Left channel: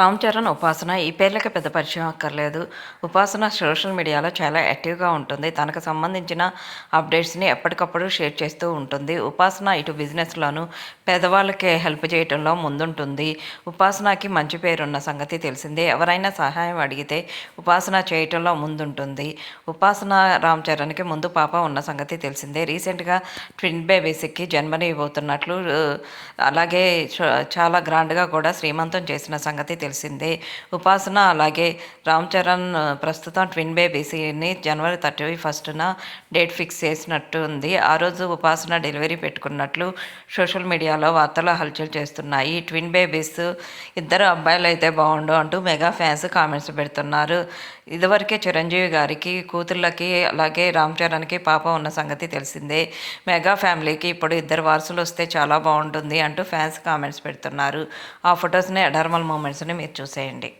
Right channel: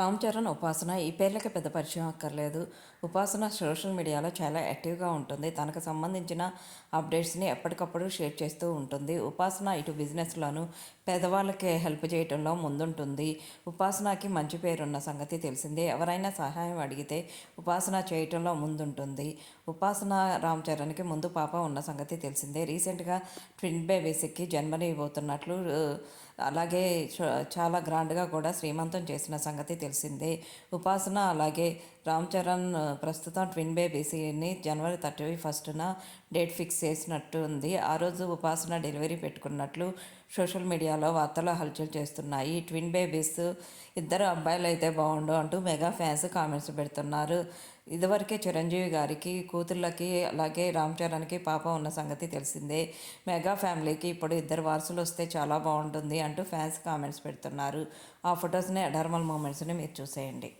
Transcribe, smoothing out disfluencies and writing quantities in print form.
రామ్ చరణ్, ఉపాసన ఈ పేర్లకి పెద్ద పరిచయం అక్కర్లేదు. ఉపాసన సోషల్ మీడియాలో చాలా యాక్టివ్‌గా ఉంటుంది. తనకు సంబంధించిన అప్డేట్స్‌ని ఎప్పటికప్పుడు షేర్ చేస్తూ ఉంటుంది. ఉపాసన ఇటు బిజినెస్‌లోనూ పేదవాళ్ళకి హెల్ప్ చేయటంలో ముందుంటుంది. ఉపాసనకి మంచి పేరున్న సంగతి తెలిసిందే. ఎవరైనా సహాయం అడిగితే ఉపాసన చేయటంలో ముందుంటుంది. ఉపాసన రామ్ చరణ్‌కి ముందు పాప ఉన్న సంగతి తెలిసిందే. రీసెంట్‌గా ట్విన్ బేబీస్‌కి జన్మనివ్వబోతున్నట్లు అలాగే చాలా గ్రాండ్‌గా కూడా శ్రీమంతం చేసిన సంగతి తెలిసిందే. ఉపాసన అలాగే రామ్ చరణ్ ప్రస్తుతం ట్విన్ బేబీస్‌ని జనవరి 31న డేట్ ఫిక్స్ చేసినట్టు ఉంది. ఆ రోజు ఉపాసన డెలివరీ పెట్టుకున్నట్లు సోషల్ మీడియాలో వార్తలు హల్చల్ చేస్తున్నాయి. ట్విన్ బేబీస్ ఇద్దరు అబ్బాయిలైతే బావుండు అంటూ మెగా ఫ్యాన్స్ కామెంట్స్ పెడుతున్నారు. ఇదివరకే చిరంజీవి గారికి కూతుళ్ళకి అలాగే రామ్ చరణ్‌కి పాప ఉన్న సంగతి తెలిసిందే. మెగా ఫ్యామిలీకి ఇప్పుడు ఇద్దరు వారసులు వస్తే చాలా బావుంటుంది అంటూ ఫ్యాన్స్ కామెంట్స్ పెడుతున్నారు. ఆ ఫొటోస్‌ని అడార్మల్ మూమెంట్స్‌ని మీరు చూసేయండి.